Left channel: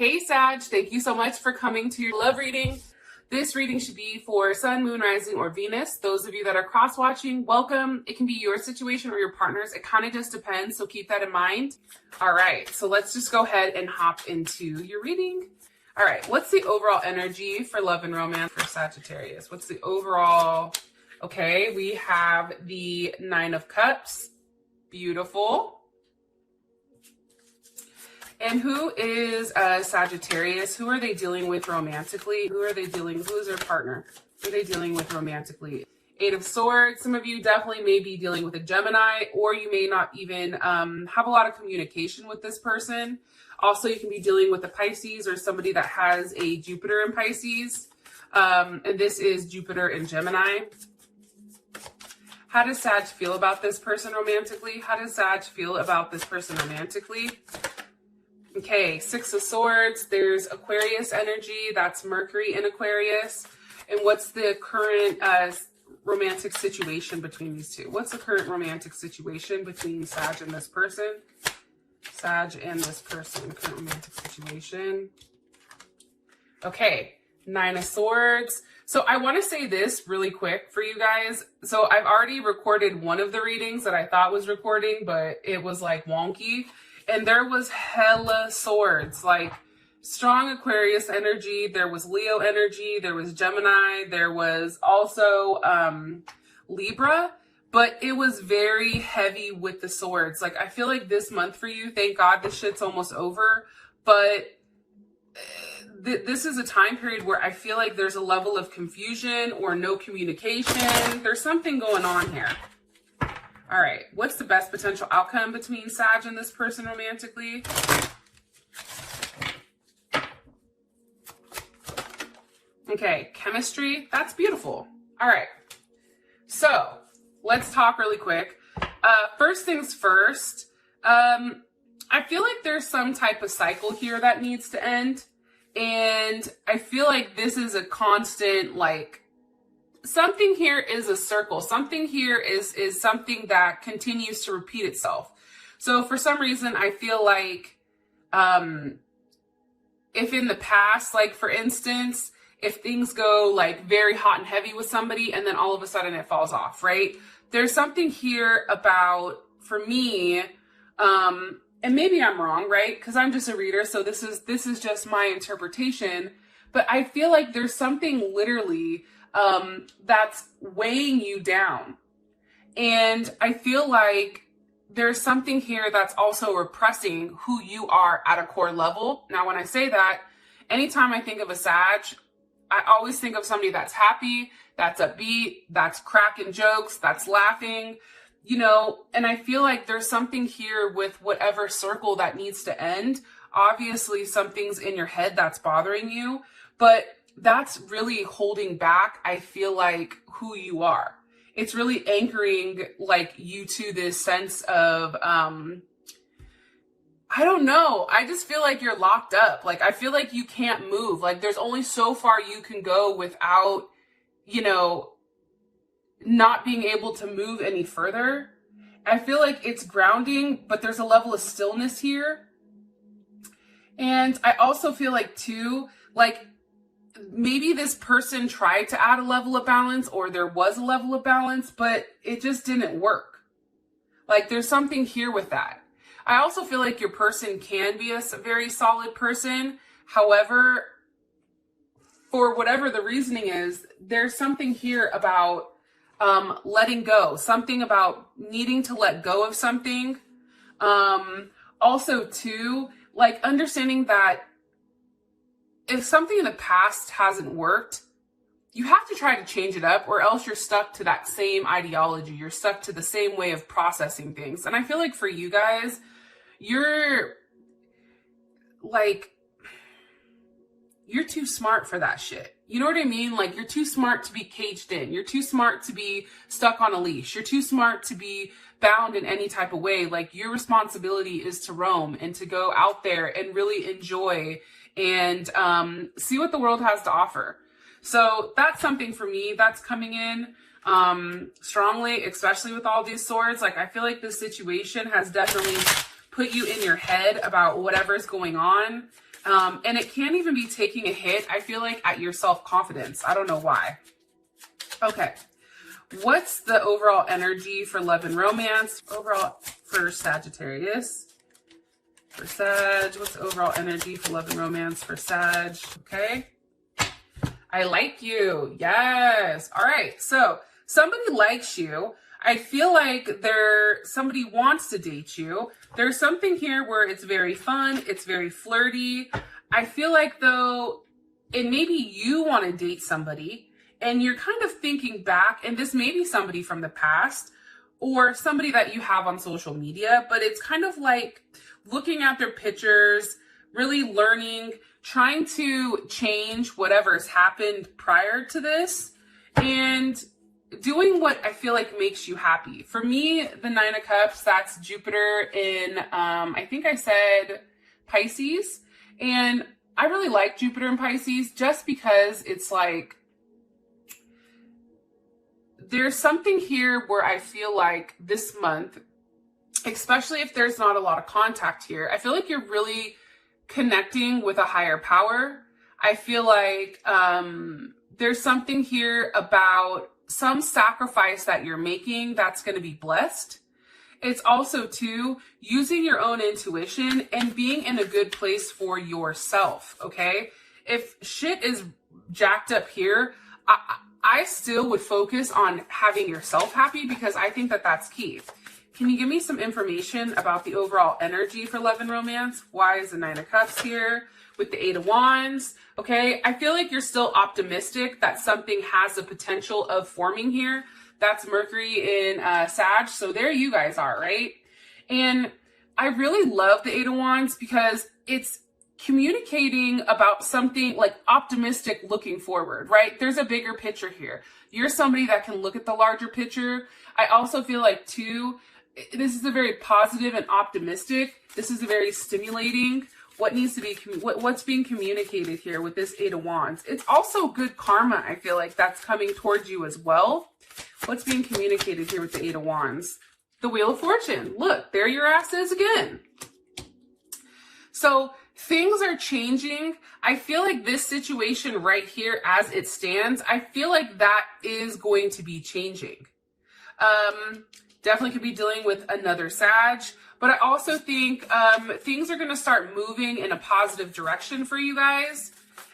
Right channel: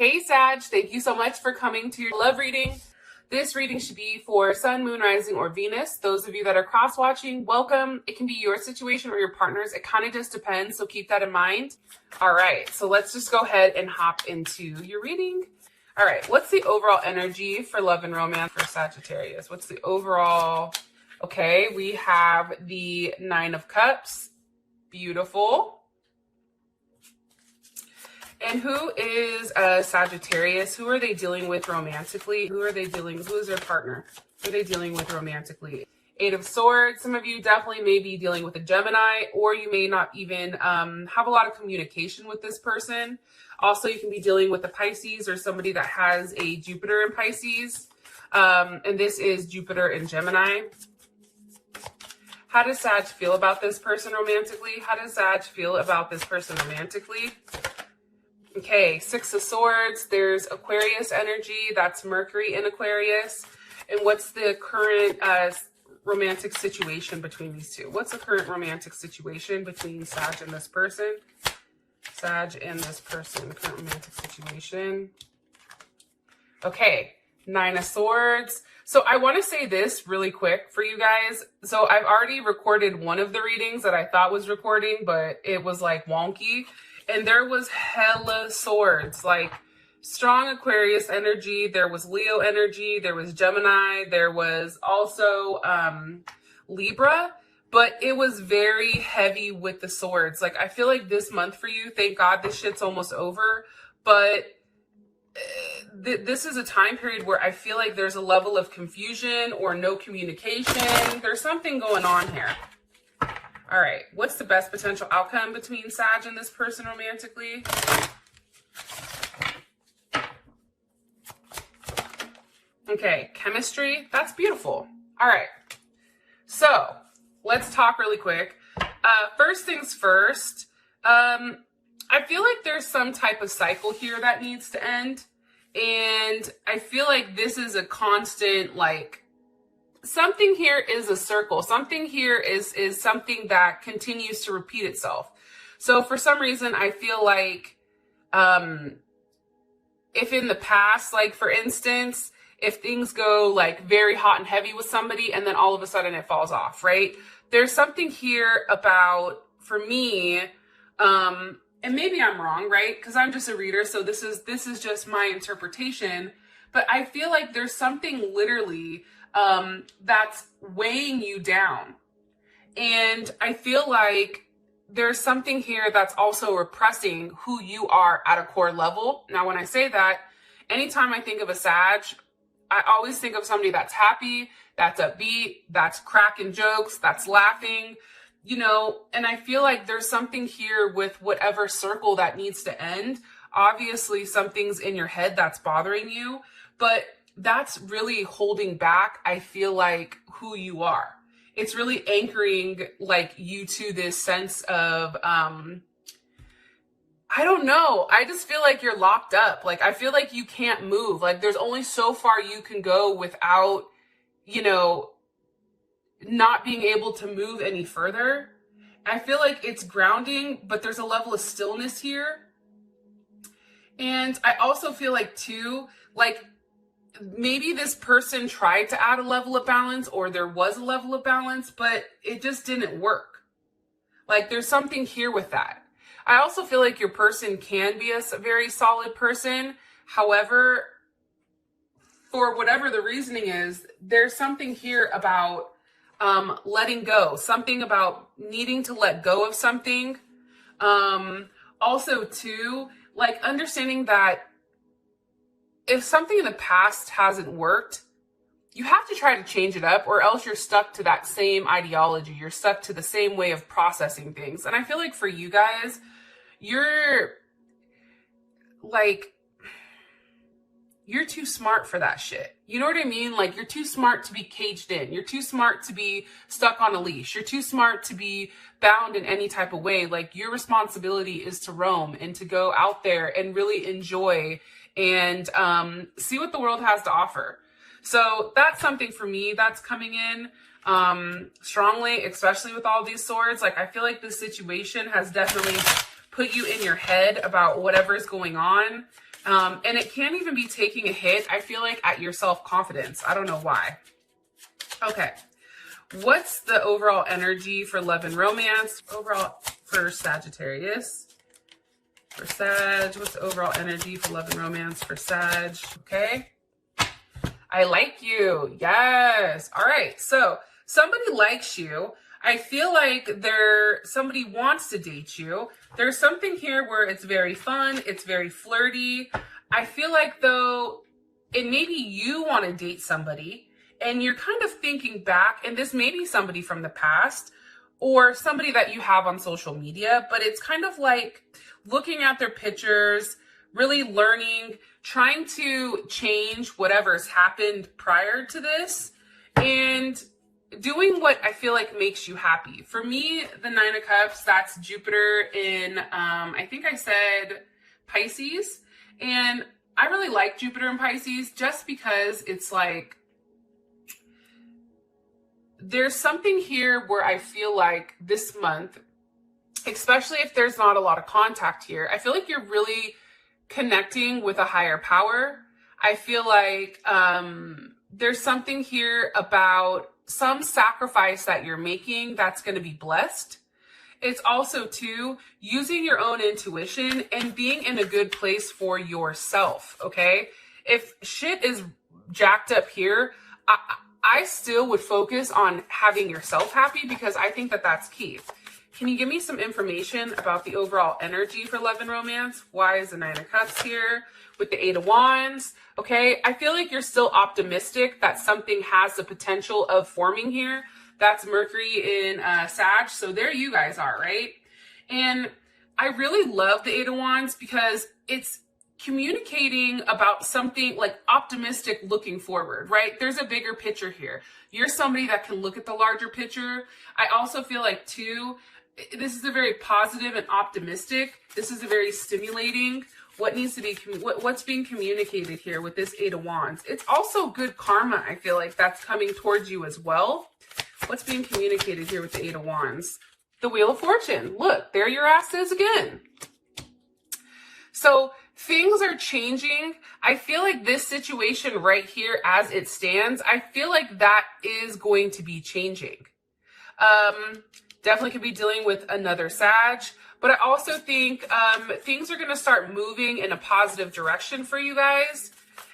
Hey Sag, thank you so much for coming to your love reading. This reading should be for Sun, Moon, Rising, or Venus. Those of you that are cross-watching, welcome. It can be your situation or your partner's. It kind of just depends, so keep that in mind. All right, so let's just go ahead and hop into your reading. All right, what's the overall energy for love and romance for Sagittarius? What's the overall? Okay, we have the Nine of Cups. Beautiful. And who is Sagittarius? Who are they dealing with romantically? Who is their partner? Who are they dealing with romantically? Eight of Swords. Some of you definitely may be dealing with a Gemini, or you may not even have a lot of communication with this person. Also, you can be dealing with a Pisces or somebody that has a Jupiter in Pisces. And this is Jupiter and Gemini. How does Sag feel about this person romantically? How does Sag feel about this person romantically? Okay, Six of Swords, there's Aquarius energy, that's Mercury in Aquarius. And what's the current romantic situation between these two? What's the current romantic situation between Sag and this person? Sag and this person, current romantic situation. Okay, Nine of Swords. So I want to say this really quick for you guys. So I've already recorded one of the readings that I thought was recording, but it was like wonky. And there was hella swords, like strong Aquarius energy. There was Leo energy. There was Gemini. There was also Libra. But it was very heavy with the swords. Like, I feel like this month for you, thank God this shit's almost over. But this is a time period where I feel like there's a level of confusion or no communication. There's something going on here. All right, what's the best potential outcome between Sag and this person romantically? Okay, chemistry, that's beautiful. All right, so let's talk really quick. First things first, I feel like there's some type of cycle here that needs to end. And I feel like this is a constant, like, something here is a circle. Something here is something that continues to repeat itself. So for some reason, I feel like if in the past, like for instance, if things go like very hot and heavy with somebody and then all of a sudden it falls off, right? There's something here about, for me, and maybe I'm wrong, right? Because I'm just a reader, so this is just my interpretation. But I feel like there's something literally that's weighing you down. And I feel like there's something here that's also repressing who you are at a core level. Now, when I say that, anytime I think of a Sag, I always think of somebody that's happy, that's upbeat, that's cracking jokes, that's laughing, you know, and I feel like there's something here with whatever circle that needs to end. Obviously, something's in your head that's bothering you, but that's really holding back, I feel like, who you are. It's really anchoring like you to this sense of, I don't know. I just feel like you're locked up. Like, I feel like you can't move. Like, there's only so far you can go without, you know, not being able to move any further. I feel like it's grounding, but there's a level of stillness here. And I also feel like too, like, maybe this person tried to add a level of balance, or there was a level of balance, but it just didn't work. Like, there's something here with that. I also feel like your person can be a very solid person. However, for whatever the reasoning is, there's something here about letting go, something about needing to let go of something. Also too, like understanding that if something in the past hasn't worked, you have to try to change it up, or else you're stuck to that same ideology. You're stuck to the same way of processing things. And I feel like for you guys, you're too smart for that shit. You know what I mean? Like, you're too smart to be caged in. You're too smart to be stuck on a leash. You're too smart to be bound in any type of way. Like, your responsibility is to roam and to go out there and really enjoy and see what the world has to offer. So that's something for me that's coming in strongly, especially with all these swords. Like, I feel like this situation has definitely put you in your head about whatever's going on. And it can even be taking a hit, I feel like, at your self-confidence. I don't know why. Okay. What's the overall energy for love and romance? Overall for Sagittarius. For Sag, what's the overall energy for love and romance for Sag? Okay. I like you. Yes. All right. So somebody likes you. I feel like somebody wants to date you. There's something here where it's very fun. It's very flirty. I feel like though, and maybe you want to date somebody and you're kind of thinking back, and this may be somebody from the past or somebody that you have on social media, but it's kind of like looking at their pictures, really learning, trying to change whatever's happened prior to this, and doing what I feel like makes you happy. For me, the Nine of Cups, that's Jupiter in, I think I said Pisces. And I really like Jupiter in Pisces just because it's like, there's something here where I feel like this month, especially if there's not a lot of contact here, I feel like you're really connecting with a higher power. I feel like there's something here about some sacrifice that you're making that's going to be blessed. It's also too using your own intuition and being in a good place for yourself. Okay. If shit is jacked up here, I still would focus on having yourself happy because I think that that's key. Can you give me some information about the overall energy for love and romance? Why is the Nine of Cups here with the Eight of Wands? Okay, I feel like you're still optimistic that something has the potential of forming here. That's Mercury in Sag, so there you guys are, right? And I really love the Eight of Wands because it's communicating about something like optimistic looking forward, right? There's a bigger picture here. You're somebody that can look at the larger picture. I also feel like too, this is a very positive and optimistic. This is a very stimulating. What needs to be, what's being communicated here with this Eight of Wands? It's also good karma, I feel like, that's coming towards you as well. What's being communicated here with the Eight of Wands? The Wheel of Fortune. Look, there your ass is again. So things are changing. I feel like this situation right here as it stands, I feel like that is going to be changing. Definitely could be dealing with another Sag. But I also think things are going to start moving in a positive direction for you guys,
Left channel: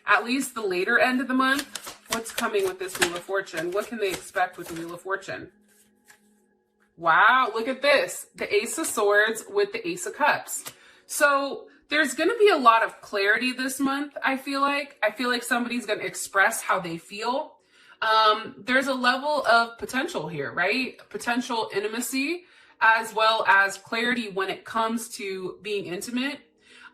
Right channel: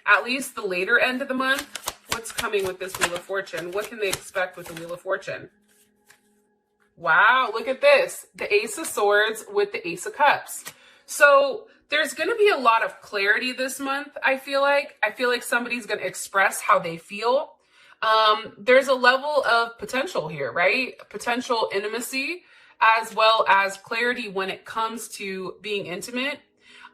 at least the later end of the month. What's coming with this Wheel of Fortune? What can they expect with the Wheel of Fortune? Wow, look at this. The Ace of Swords with the Ace of Cups. So there's going to be a lot of clarity this month, I feel like. I feel like somebody's going to express how they feel. There's a level of potential here, right? Potential intimacy, as well as clarity when it comes to being intimate.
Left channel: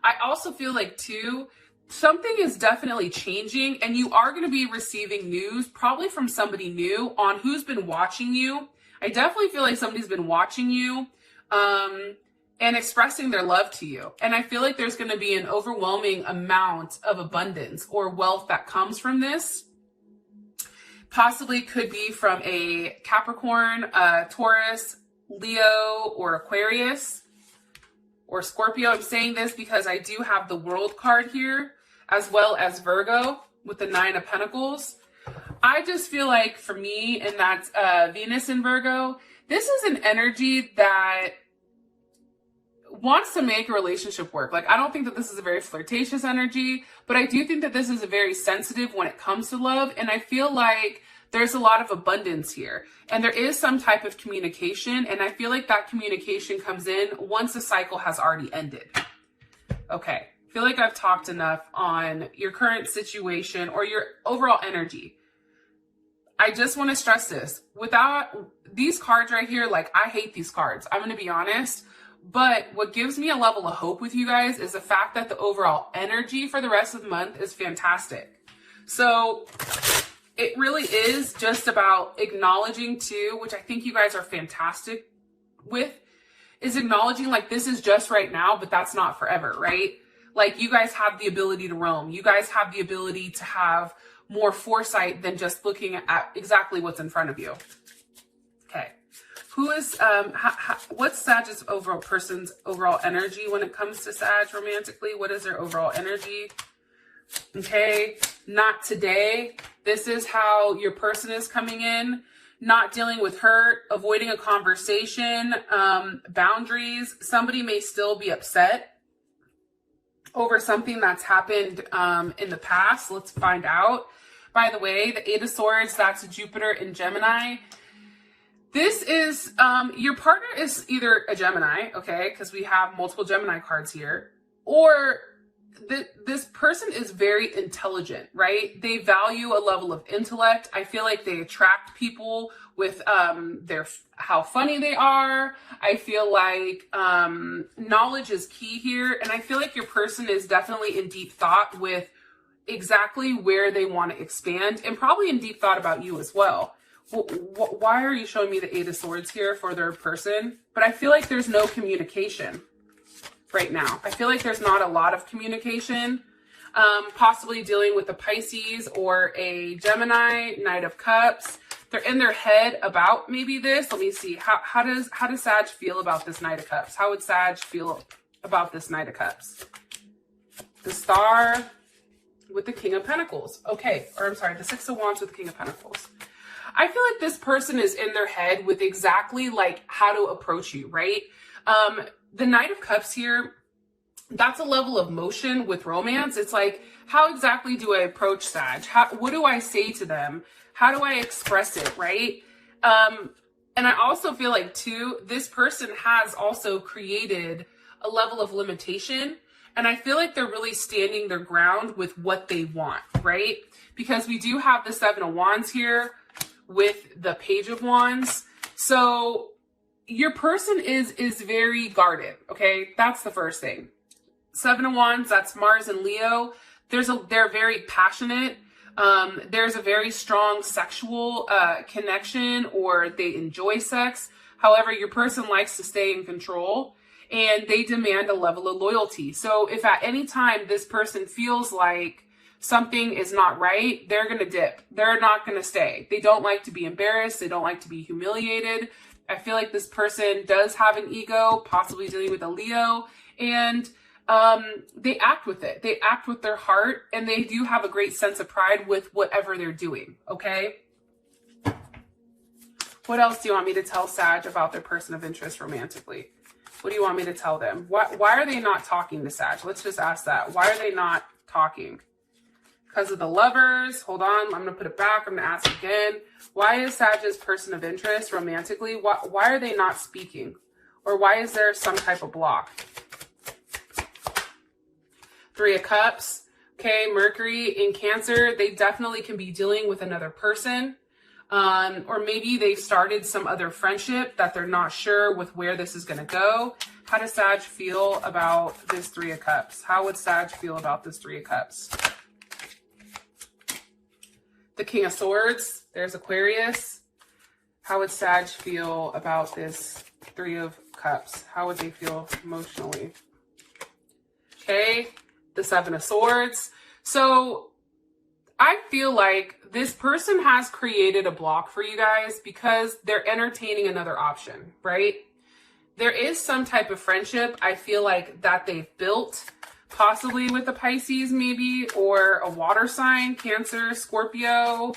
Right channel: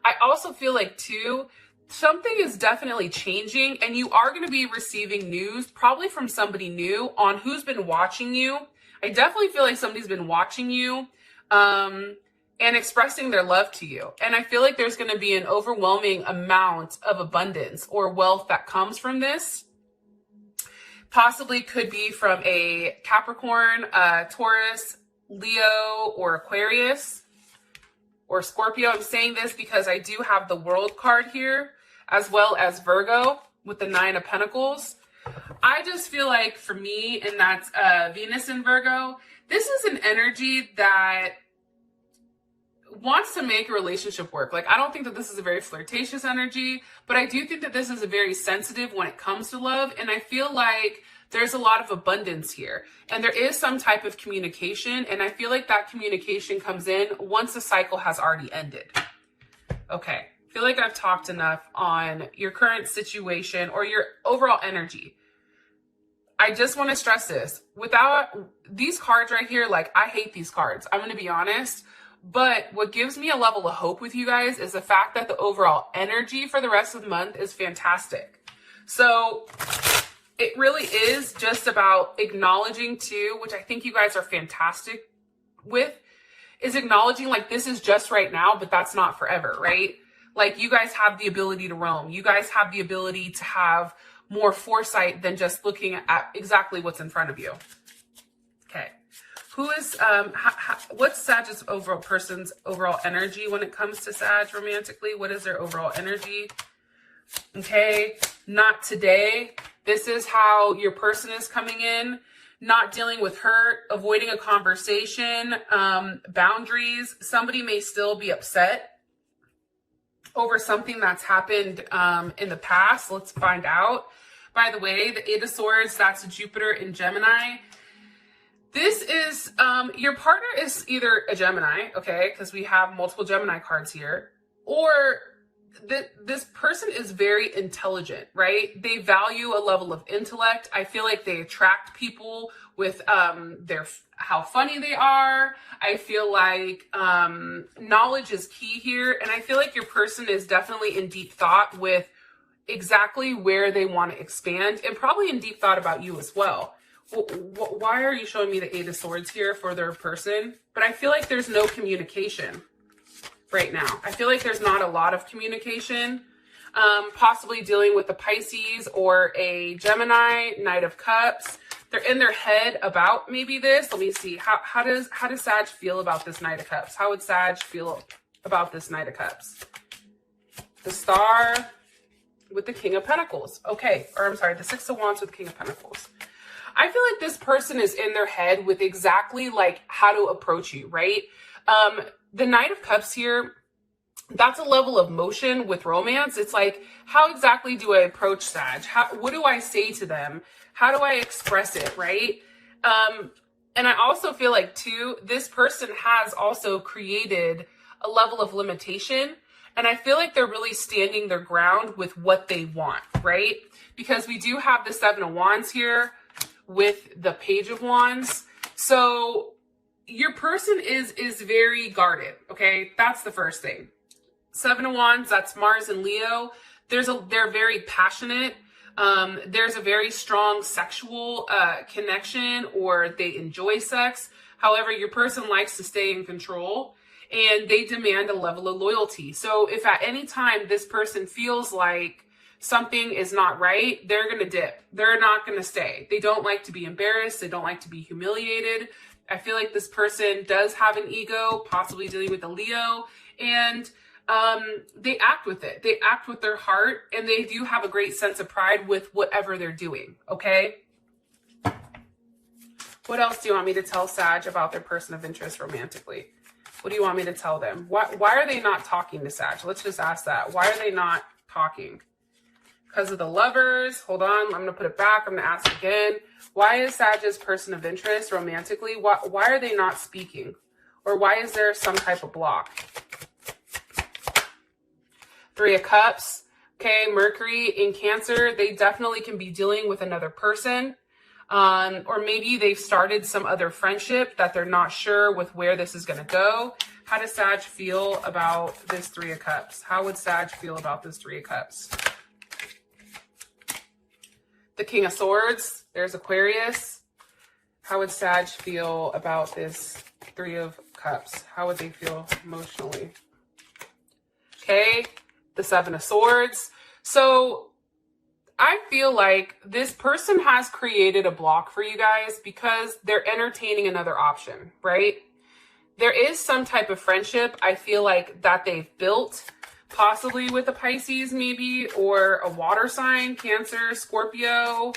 I also feel like too, something is definitely changing and you are going to be receiving news probably from somebody new on who's been watching you. I definitely feel like somebody's been watching you and expressing their love to you. And I feel like there's going to be an overwhelming amount of abundance or wealth that comes from this. Possibly could be from a Capricorn, Taurus, Leo, or Aquarius, or Scorpio. I'm saying this because I do have the World card here, as well as Virgo with the Nine of Pentacles. I just feel like for me, and that's Venus in Virgo, this is an energy that wants to make a relationship work. Like, I don't think that this is a very flirtatious energy, but I do think that this is a very sensitive when it comes to love. And I feel like there's a lot of abundance here and there is some type of communication. And I feel like that communication comes in once the cycle has already ended. Okay. I feel like I've talked enough on your current situation or your overall energy. I just want to stress this. Without these cards right here, like, I hate these cards. I'm going to be honest. But what gives me a level of hope with you guys is the fact that the overall energy for the rest of the month is fantastic. So it really is just about acknowledging too, which I think you guys are fantastic with, is acknowledging like this is just right now, but that's not forever, right? Like, you guys have the ability to roam. You guys have the ability to have more foresight than just looking at exactly what's in front of you. Okay. Who is, what's Sag's overall person's overall energy when it comes to Sag romantically? What is their overall energy? Okay, not today. This is how your person is coming in. Not dealing with hurt, avoiding a conversation, boundaries. Somebody may still be upset over something that's happened in the past. Let's find out. By the way, the Eight of Swords, that's Jupiter in Gemini. This is, your partner is either a Gemini, okay, because we have multiple Gemini cards here, or this person is very intelligent, right? They value a level of intellect. I feel like they attract people with how funny they are. I feel like knowledge is key here, and I feel like your person is definitely in deep thought with exactly where they want to expand, and probably in deep thought about you as well. Why are you showing me the Eight of Swords here for their person? But I feel like there's no communication right now. I feel like there's not a lot of communication, possibly dealing with the Pisces or a Gemini, Knight of Cups. They're in their head about maybe this. Let me see. How does Sag feel about this Knight of Cups? How would Sag feel about this Knight of Cups? The Star with the King of Pentacles. Okay, or I'm sorry, the Six of Wands with the King of Pentacles. I feel like this person is in their head with exactly like how to approach you, right? The Knight of Cups here, that's a level of motion with romance. It's like, how exactly do I approach Sag? What do I say to them? How do I express it, right? And I also feel like, too, this person has also created a level of limitation. And I feel like they're really standing their ground with what they want, right? Because we do have the Seven of Wands here with the Page of Wands. So your person is very guarded, okay? That's the first thing. Seven of Wands, that's Mars and Leo. They're very passionate. There's a very strong sexual connection, or they enjoy sex. However, your person likes to stay in control, and they demand a level of loyalty. So if at any time this person feels like something is not right, they're going to dip. They're not going to stay. They don't like to be embarrassed. They don't like to be humiliated. I feel like this person does have an ego, possibly dealing with a Leo, and they act with it. They act with their heart, and they do have a great sense of pride with whatever they're doing, okay? What else do you want me to tell Sag about their person of interest romantically? What do you want me to tell them? Why are they not talking to Sag? Let's just ask that. Why are they not talking? Because of the Lovers. Hold on. I'm going to put it back. I'm going to ask again. Why is Sag's person of interest romantically? Why are they not speaking? Or why is there some type of block? Three of Cups. Okay, Mercury in Cancer. They definitely can be dealing with another person. Or maybe they've started some other friendship that they're not sure with where this is going to go. How does Sag feel about this Three of Cups? How would Sag feel about this Three of Cups? The King of Swords. There's Aquarius. How would Sag feel about this Three of Cups? How would they feel emotionally? Okay. The Seven of Swords. So I feel like this person has created a block for you guys because they're entertaining another option, right? There is some type of friendship, I feel like, that they've built, possibly with the Pisces maybe, or a water sign, Cancer, Scorpio.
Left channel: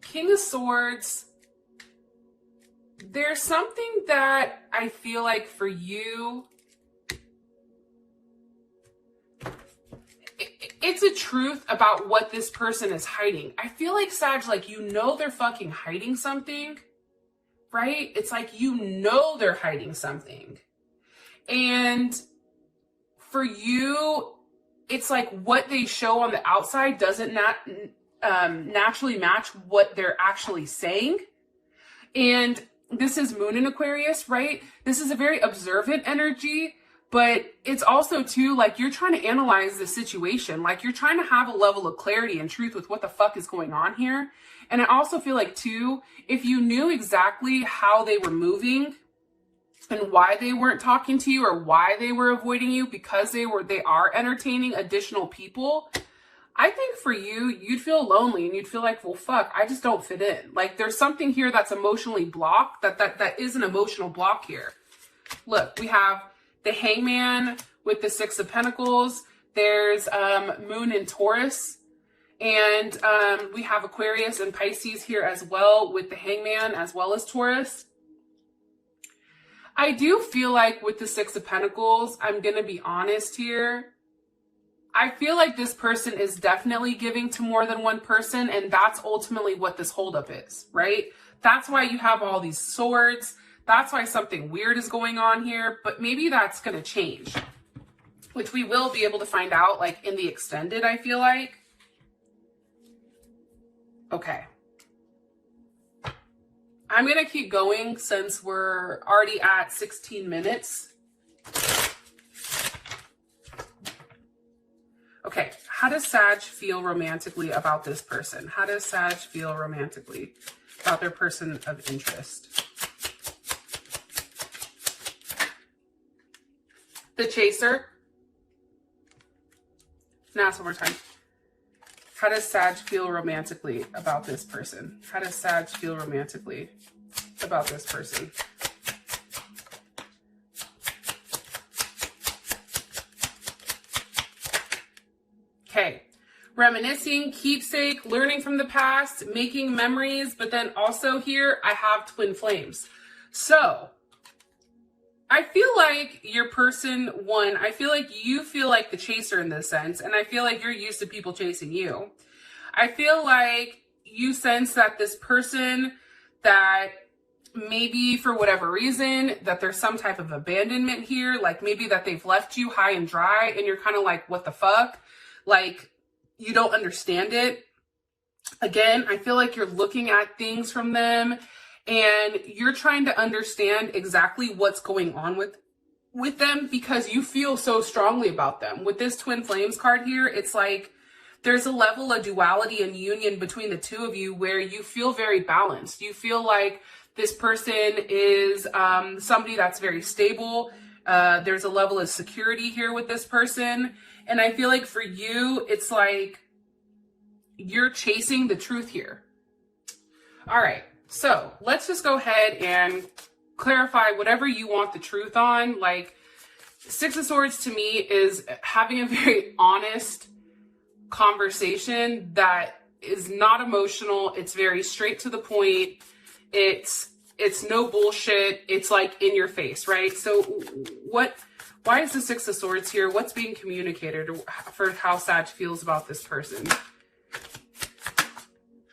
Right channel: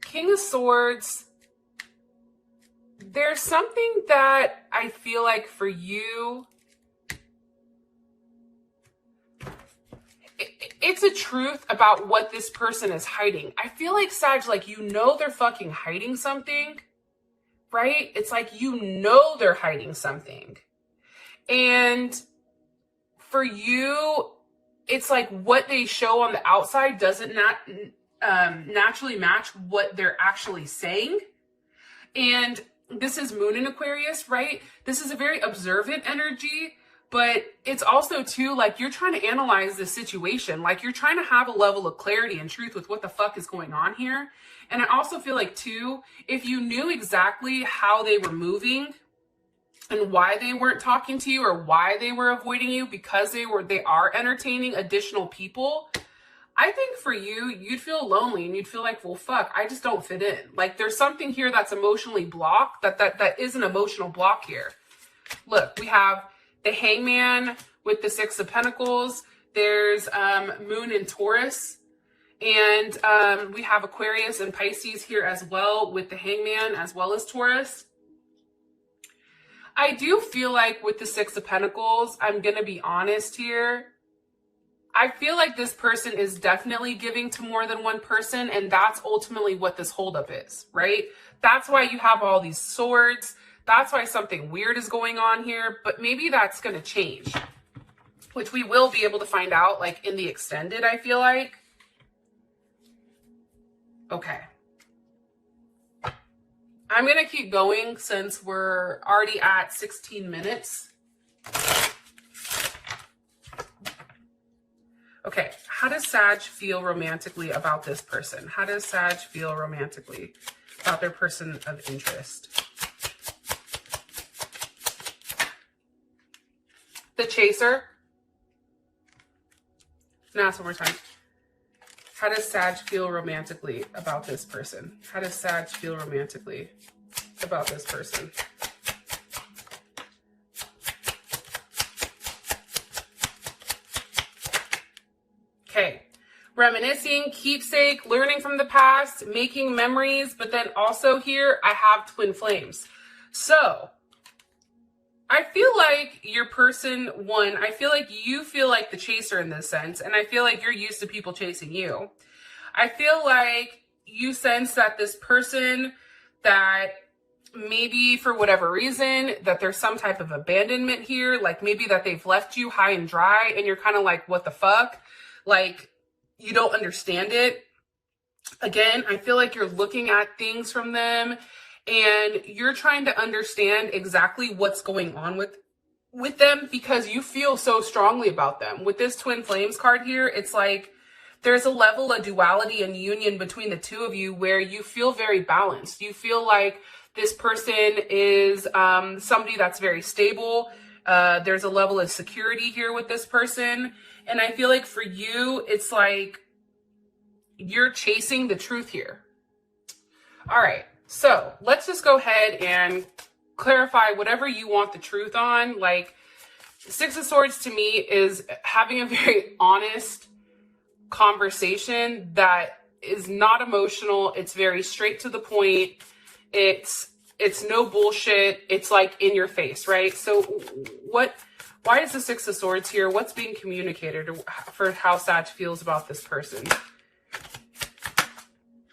King of Swords. There's something that I feel like for you, it's a truth about what this person is hiding. I feel like, Sag, like, you know they're fucking hiding something, right? It's like, you know they're hiding something. And for you, it's like what they show on the outside doesn't naturally match what they're actually saying. And this is Moon in Aquarius, right? This is a very observant energy. But it's also, too, like, you're trying to analyze the situation. Like, you're trying to have a level of clarity and truth with what the fuck is going on here. And I also feel like, too, if you knew exactly how they were moving and why they weren't talking to you or why they were avoiding you, because they are entertaining additional people, I think for you, you'd feel lonely and you'd feel like, well, fuck, I just don't fit in. Like there's something here that's emotionally blocked, that is an emotional block here. Look, we have the Hangman with the Six of Pentacles. There's Moon in Taurus. And we have Aquarius and Pisces here as well with the Hangman as well as Taurus. I do feel like with the Six of Pentacles, I'm going to be honest here. I feel like this person is definitely giving to more than one person, and that's ultimately what this holdup is, right? That's why you have all these swords. That's why something weird is going on here, but maybe that's going to change, which we will be able to find out like in the extended, I feel like. Okay. I'm going to keep going since we're already at 16 minutes. Okay, how does Sag feel romantically about this person? How does Sag feel romantically about their person of interest? The Chaser. Now ask one more time. How does Sag feel romantically about this person? How does Sag feel romantically about this person? Okay, reminiscing, keepsake, learning from the past, making memories, but then also here I have twin flames. So I feel like your person, one, I feel like you feel like the chaser in this sense, and I feel like you're used to people chasing you. I feel like you sense that this person, that maybe for whatever reason, that there's some type of abandonment here, like maybe that they've left you high and dry, and you're kind of like, what the fuck? Like, you don't understand it. Again, I feel like you're looking at things from them and you're trying to understand exactly what's going on with them because you feel so strongly about them. With this twin flames card here, it's like there's a level of duality and union between the two of you where you feel very balanced. You feel like this person is somebody that's very stable. There's a level of security here with this person. And I feel like for you, it's like you're chasing the truth here. All right. So let's just go ahead and clarify whatever you want the truth on. Like, Six of Swords to me is having a very honest conversation that is not emotional. It's very straight to the point. It's no bullshit. It's like in your face, right? So why is the Six of Swords here? What's being communicated for how Sag feels about this person?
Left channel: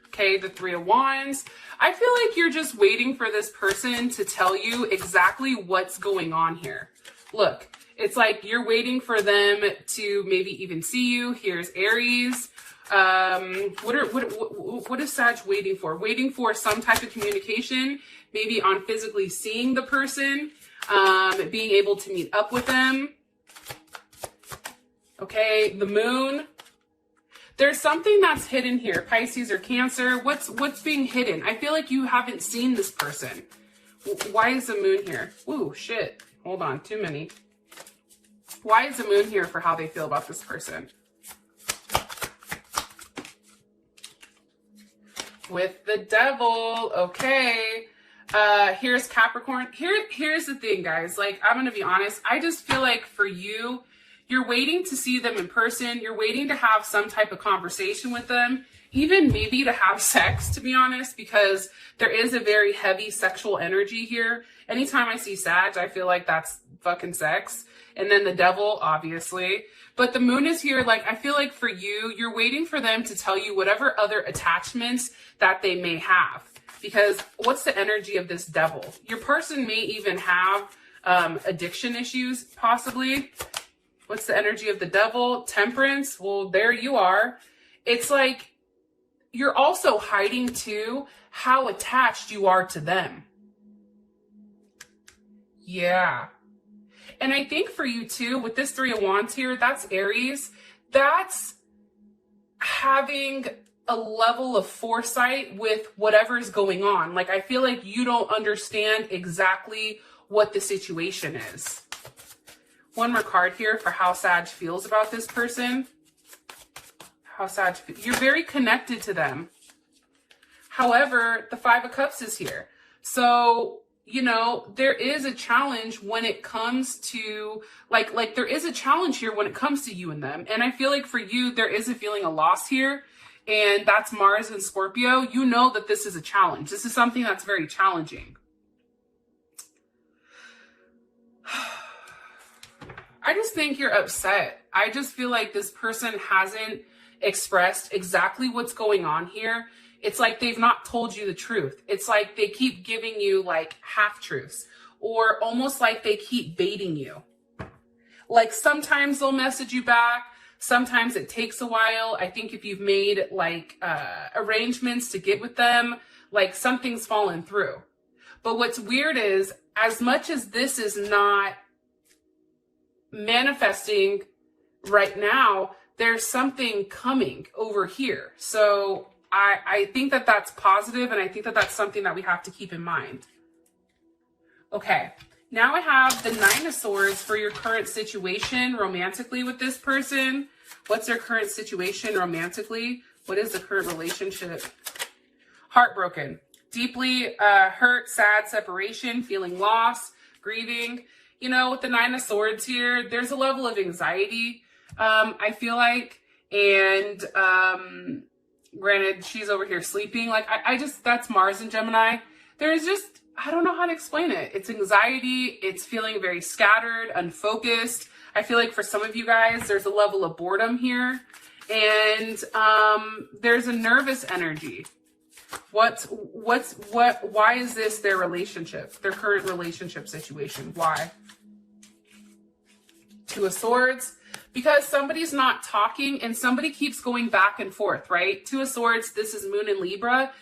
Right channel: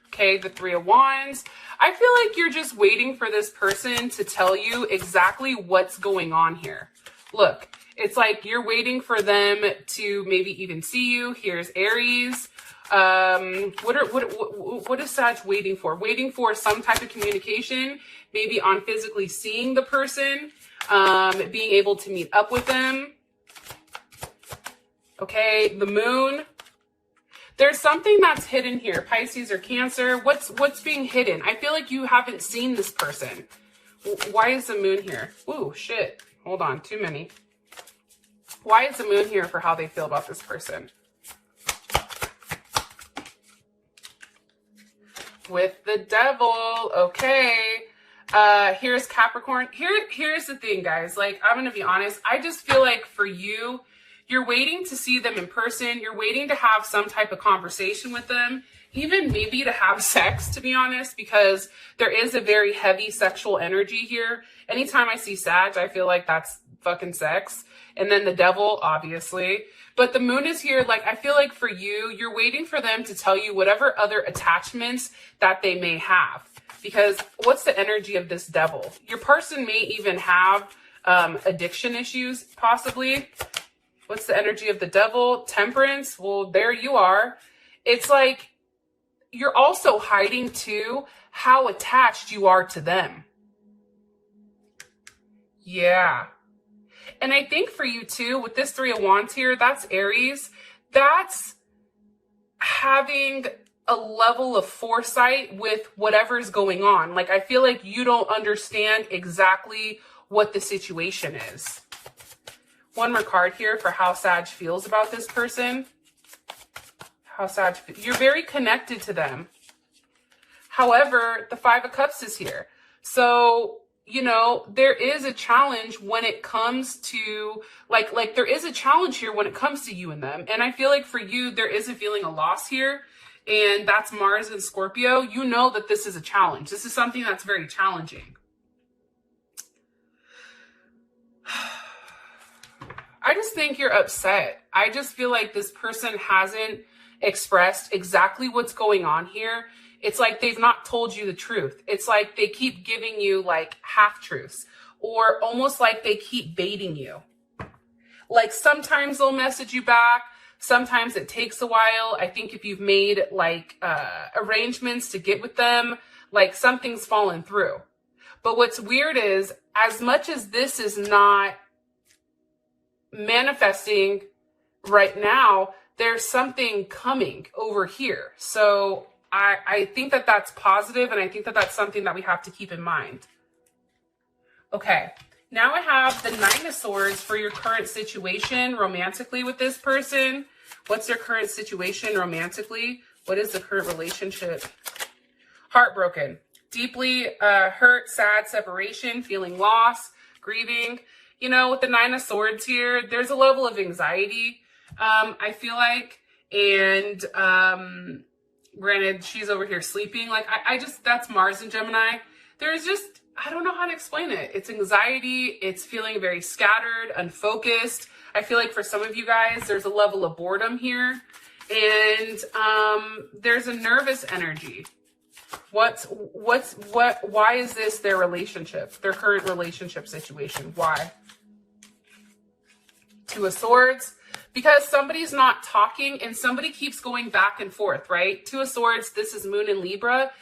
Okay, the Three of Wands. I feel like you're just waiting for this person to tell you exactly what's going on here. Look, it's like you're waiting for them to maybe even see you. Here's Aries. What is Sag waiting for? Waiting for some type of communication, maybe on physically seeing the person, being able to meet up with them. Okay, the Moon. There's something that's hidden here. Pisces or Cancer. What's being hidden? I feel like you haven't seen this person. Why is the Moon here? Ooh, shit. Hold on, too many. Why is the Moon here for how they feel about this person? With the Devil. Okay. Here's Capricorn. Here's the thing, guys. Like, I'm going to be honest. I just feel like for you, you're waiting to see them in person. You're waiting to have some type of conversation with them, even maybe to have sex, to be honest, because there is a very heavy sexual energy here. Anytime I see Sag, I feel like that's fucking sex. And then the Devil, obviously. But the Moon is here. Like, I feel like for you, you're waiting for them to tell you whatever other attachments that they may have. Because what's the energy of this Devil? Your person may even have addiction issues, possibly. What's the energy of the Devil? Temperance. Well, there you are. It's like you're also hiding too how attached you are to them. Yeah. And I think for you too, with this Three of Wands here, that's Aries. That's having a level of foresight with whatever's going on. Like, I feel like you don't understand exactly what the situation is. One more card here for how Sag feels about this person. how Sag, you're very connected to them. However, the Five of Cups is here. So, you know, there is a challenge when it comes to, like there is a challenge here when it comes to you and them. And I feel like for you, there is a feeling of loss here. And that's Mars and Scorpio. You know that this is a challenge. This is something that's very challenging. I just think you're upset. I just feel like this person hasn't expressed exactly what's going on here. It's like they've not told you the truth. It's like they keep giving you like half-truths, or almost like they keep baiting you. Like sometimes they'll message you back. Sometimes it takes a while. I think if you've made like arrangements to get with them, like something's fallen through. But what's weird is, as much as this is not manifesting right now, there's something coming over here. So I think that that's positive, and I think that that's something that we have to keep in mind. Okay, now I have the Nine of Swords for your current situation romantically with this person. What's their current situation romantically? What is the current relationship? Heartbroken, deeply hurt, sad, separation, feeling loss, grieving. You know, with the Nine of Swords here, there's a level of anxiety, I feel like, and granted, she's over here sleeping. Like, I just, that's Mars and Gemini. There's just, I don't know how to explain it. It's anxiety. It's feeling very scattered, unfocused. I feel like for some of you guys, there's a level of boredom here. And there's a nervous energy. Why is this their relationship, their current relationship situation? Why? Two of Swords. Because somebody's not talking and somebody keeps going back and forth, right? Two of Swords, this is Moon in Libra.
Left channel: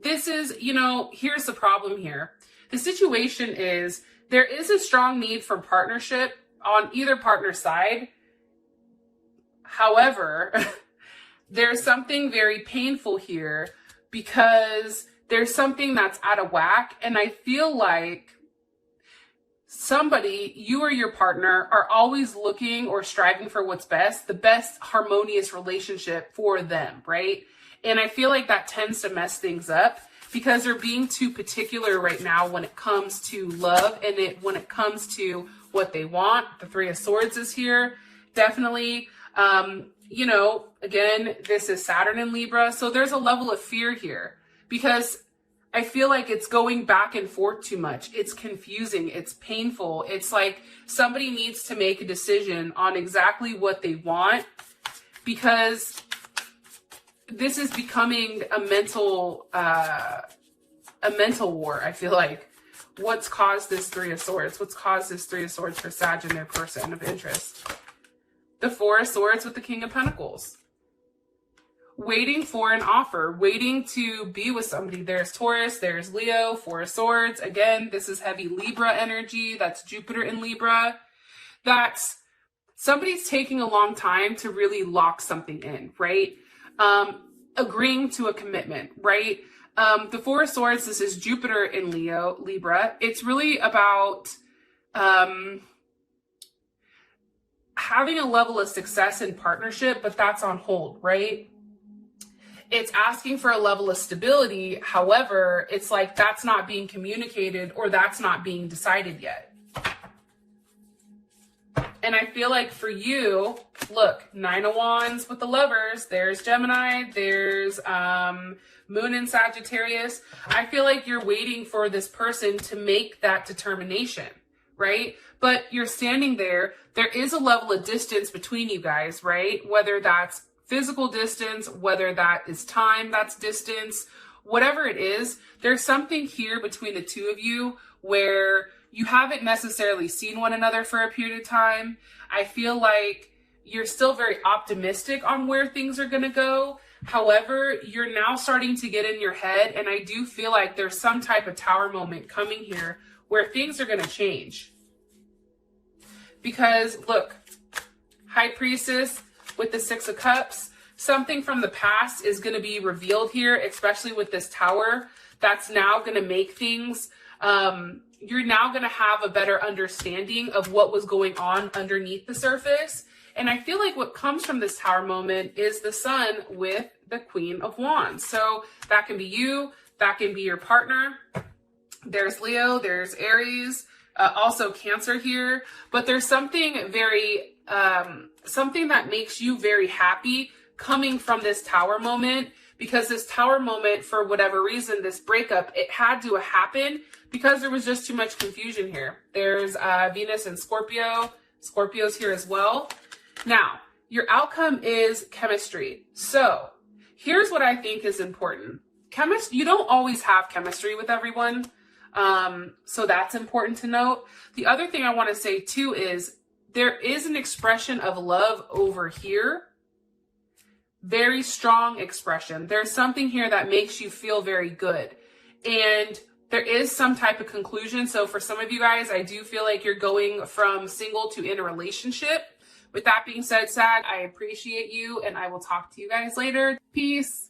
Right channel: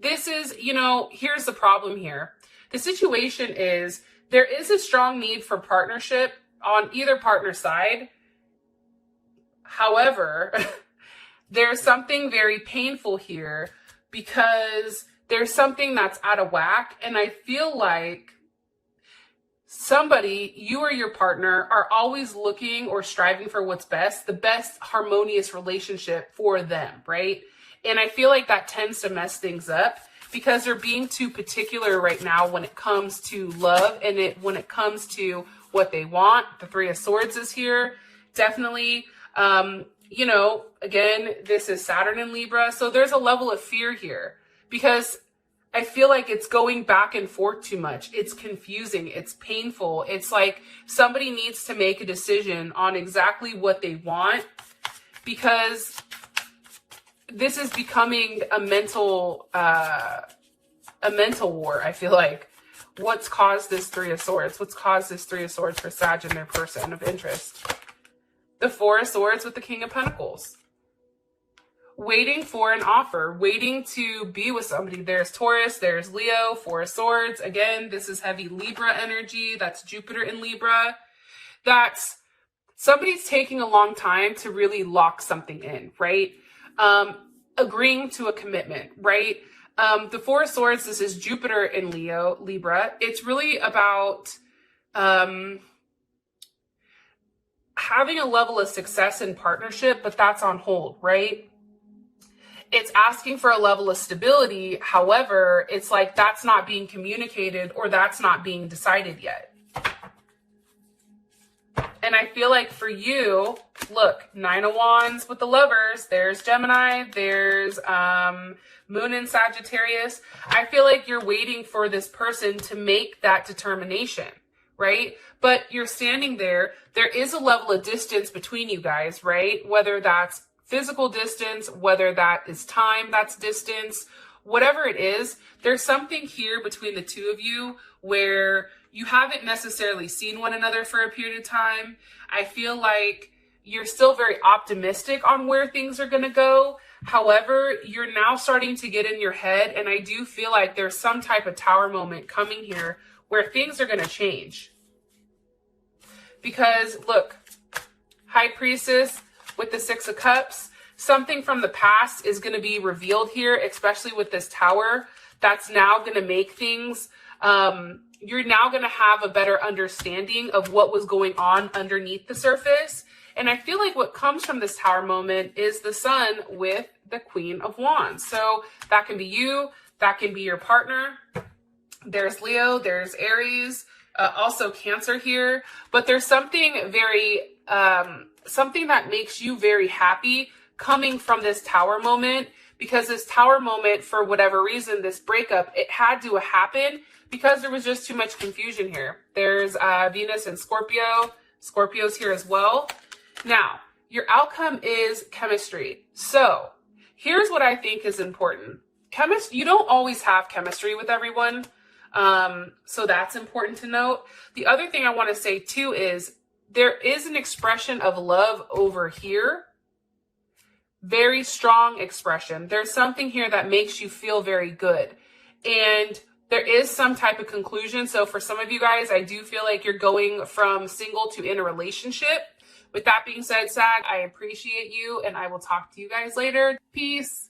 This is, you know, here's the problem here. The situation is there is a strong need for partnership on either partner side. However, there's something very painful here because there's something that's out of whack. And I feel like somebody, you or your partner, are always looking or striving for what's best, the best harmonious relationship for them, right? And I feel like that tends to mess things up because they're being too particular right now when it comes to love and when it comes to what they want. The Three of Swords is here. Definitely, you know, again, this is Saturn in Libra. So there's a level of fear here because I feel like it's going back and forth too much. It's confusing. It's painful. It's like somebody needs to make a decision on exactly what they want because this is becoming a mental war, I feel like. What's caused this Three of Swords? What's caused this Three of Swords for Sag and their person of interest? The Four of Swords with the King of Pentacles. Waiting for an offer, waiting to be with somebody. There's Taurus, there's Leo, Four of Swords. Again, this is heavy Libra energy. That's Jupiter in Libra. That's somebody's taking a long time to really lock something in, right? Agreeing to a commitment, right? The Four of Swords, this is Jupiter in Libra. It's really about having a level of success in partnership, but that's on hold, right? It's asking for a level of stability. However, it's like that's not being communicated or that's not being decided yet. And I feel like for you, look, Nine of Wands with the Lovers, there's Gemini, there's Moon in Sagittarius. I feel like you're waiting for this person to make that determination, right? But you're standing there. There is a level of distance between you guys, right? Whether that's physical distance, whether that is time, that's distance, whatever it is, there's something here between the two of you where you haven't necessarily seen one another for a period of time. I feel like you're still very optimistic on where things are going to go. However, you're now starting to get in your head, and I do feel like there's some type of tower moment coming here where things are going to change. Because, look, High Priestess with the Six of Cups, something from the past is going to be revealed here, especially with this tower. That's now going to make things, you're now going to have a better understanding of what was going on underneath the surface. And I feel like what comes from this Tower moment is the Sun with the Queen of Wands. So that can be you, that can be your partner. There's Leo, there's Aries, also Cancer here. But there's something very, something that makes you very happy coming from this Tower moment, because this Tower moment, for whatever reason, this breakup, it had to happen because there was just too much confusion here. There's Venus and Scorpio. Scorpio's here as well. Now, your outcome is chemistry. So here's what I think is important. You don't always have chemistry with everyone. So that's important to note. The other thing I want to say too is there is an expression of love over here. Very strong expression. There's something here that makes you feel very good. And there is some type of conclusion. So for some of you guys, I do feel like you're going from single to in a relationship. With that being said, Sag, I appreciate you and I will talk to you guys later. Peace.